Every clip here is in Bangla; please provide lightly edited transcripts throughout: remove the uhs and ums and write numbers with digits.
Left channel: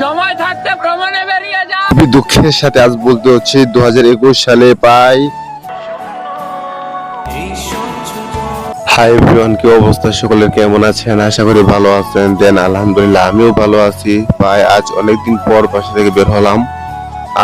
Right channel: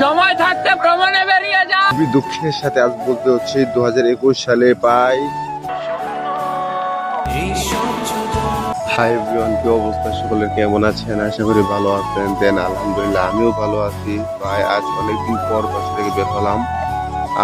সময় থাকতে ভ্রমণে বেরিয়ে যা। খুবই দুঃখের সাথে আজ বলতে হচ্ছে 2021 সালে পাই। হাই এভরিওয়ান, কি অবস্থা সকলের, কেমন আছেন? আশা করি ভালো আছেন। দেন আলহামদুলিল্লাহ আমিও ভালো আছি। ভাই আজ অনেকদিন পর বাসা থেকে বের হলাম।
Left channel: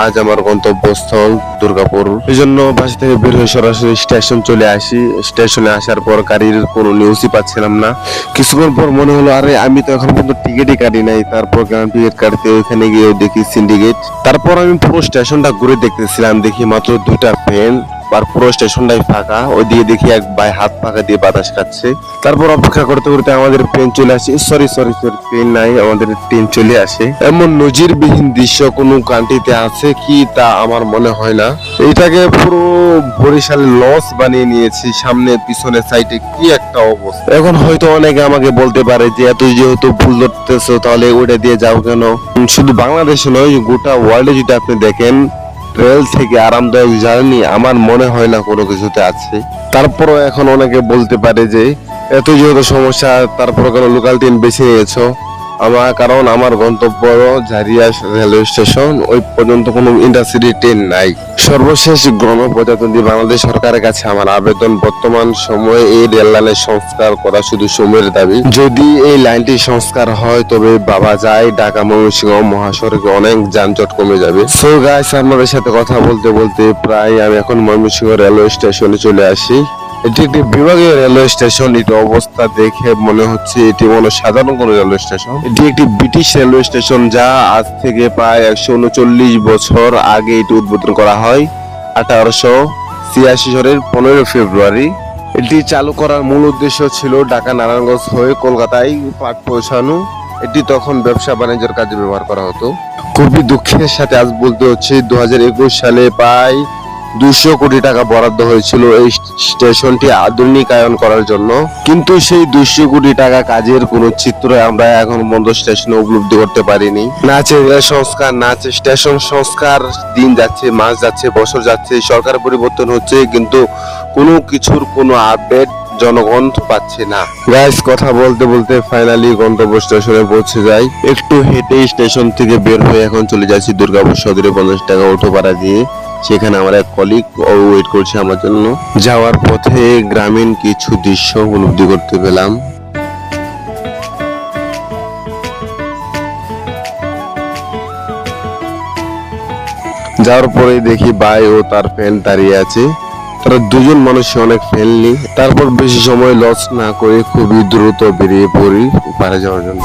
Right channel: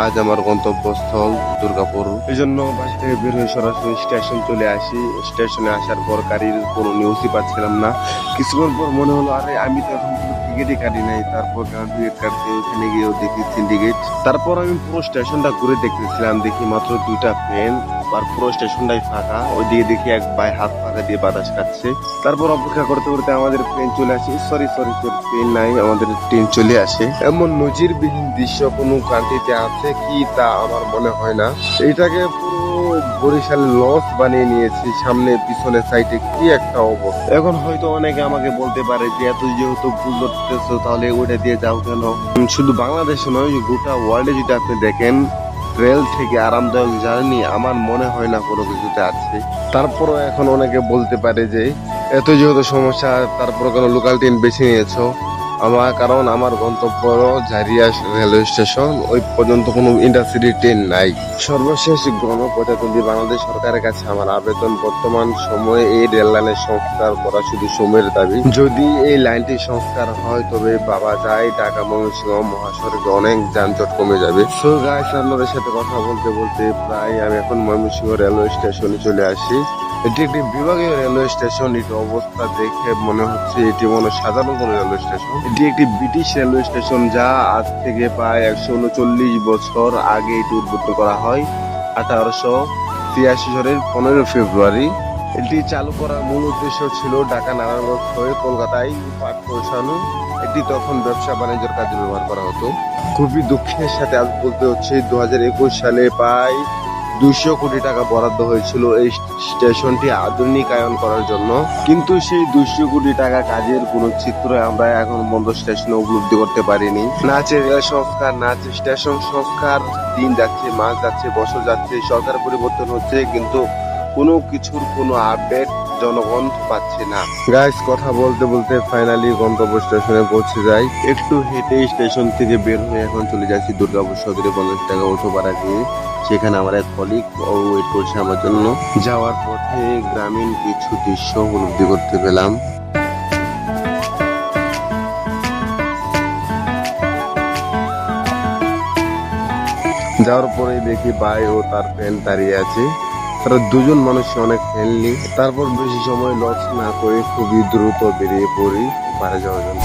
আজ আমার গন্তব্যস্থল দুর্গাপুর, এই জন্য বাসা থেকে বের হয়ে সরাসরি স্টেশন চলে আসি। স্টেশনে আসার পর গাড়ির কোনো নিউজই পাচ্ছিলাম না। কিছুক্ষণ পর মনে হলো আরে আমি তো এখন পর্যন্ত টিকিটই কাটি নাই। তারপর টিকিট কাটতে ওইখানে গিয়ে দেখি সিন্ডিকেট। তারপর আমি পুরো স্টেশনটা ঘুরে দেখতেছিলাম, দেখি মাত্র দুইটা ট্রেন আর পুরো স্টেশনটাই ফাঁকা। ওইদিকে দেখি এক ভাই হাত ফাঁকা দিয়ে বাতাস খাচ্ছে। তারপর অপেক্ষা করতে করতে আমাদের ট্রেন চলে আসে। সরি ট্রেন নাই, আমাদের ট্রেন চলে আসে। এমন নজিরবিহীন দৃশ্য কোনো কান্ট্রিতে আছে কি তা আমার মনে হয় না। এটাকে পুরো বরিশাল লস বানিয়ে নিয়েছি। সামনে পিছনে সাইডে কি একটা অবস্থা। এখন হয়তো অনেকে আমাকে বলতে পারে যে এত যেহেতু ভুল ধরতেছো তাহলে ওটা দিয়ে যাও কেন। শুধু বাংলাদেশে নয়, গোটা ওয়ার্ল্ডে যদি আপনি দেখেন, রেল থেকে আরামদায়ক জার্নি আমার মনে হয় না কোনো কিছুতে আছে। তারপরও এখন অনেকে বলতে পারে যে এত যেহেতু সমস্যা তারপরে কেন লোকাল ট্রেন বেছে নিয়েছো। কারণ আমার গন্তব্য ঝাড়িয়া রেলওয়ে স্টেশন, ওই পর্যন্ত কোনো ইন্টারসিটি ট্রেন নাই। সর্বশেষ গণপ্রজাতন্ত্রী বাংলাদেশ সরকারের কাছে আমার আবেদন, বর্তমান সময়ে এই রেল লাইনের সংস্কার করা শুধু সময়ের দাবি। যদি এই লাইনটি সংস্কার হয় তবে বাবা যায় ঢাকা ময়মনসিংহ মহাসড়কে অনেক যানজট কমে যাবে। সো গাইস, আপনাদের সাথে কথা বলতে বলতে প্রায় আমি এখন ময়মনসিংহ রেলওয়ে স্টেশনে চলে আসি। এটি একটি বিভাগীয় রেলওয়ে স্টেশন। এটি অবস্থা দেখে মনে হচ্ছে এটি মনে সাধারণ কোনো রেলওয়ে স্টেশন। এটি একটি ব্রিটিশ রেলওয়ে স্টেশন, যা আজ থেকে প্রায় 139 বছর আগে এটি উদ্বোধন করা হয় 1886 সালের 15 ফেব্রুয়ারি। এটি চালু করার মূল উদ্দেশ্য ছিল ঢাকা নারায়ণগঞ্জ হয়ে কলকাতায় পাট পৌঁছানো। এটি তখন ব্যবসা বাণিজ্যের কাজে ব্যবহার করা হতো। খুবই দুঃখের সাথে আজ বলতে হচ্ছে 2021 সালে প্রায় 200 কোটি টাকা বরাদ্দ হয়েছিল এই স্টেশনটি আধুনিকায়ন করার জন্য, কিন্তু সেই 200 কোটি টাকা কাজের কোনো চিত্র আমরা এখন পর্যন্ত স্টেশনে উপলব্ধি করতে পারিনি। না আছে রেল সংস্কার, না আছে স্টেশন সংস্কার। দিন যাচ্ছে, মাস যাচ্ছে, বছর যাচ্ছে, সরকার পরিবর্তন হচ্ছে, কিন্তু কোনো কিছুর কোনো আপডেট জনগণ পাচ্ছে না। গাইস, কথা বলতে বলতে ফাইনালি গন্তব্য স্টেশনে পৌঁছে যাই। একটু হেঁটে স্টেশন থেকে বের হয়ে এখন চলে যাচ্ছি দুর্গাপুর সদরে 50 টাকা অটো ভাড়া দিয়ে। সেখানে আমার এক কলিগ ওয়েট করছে আমার জন্য। যাওয়ার পথে গ্রামীণ কিছু দৃশ্য উপলব্ধি করতে পেলাম। যাওয়ার পরে দেখি ভাই ও তার ফ্রেন্ড দাঁড়িয়ে আছে। তারা দুজন মানুষ অনেক ফ্রেন্ডলি। তারপর বেশি সময় লস না করে খুবই দ্রুত বেরিয়ে পড়ি পারে যাওয়ার জন্য।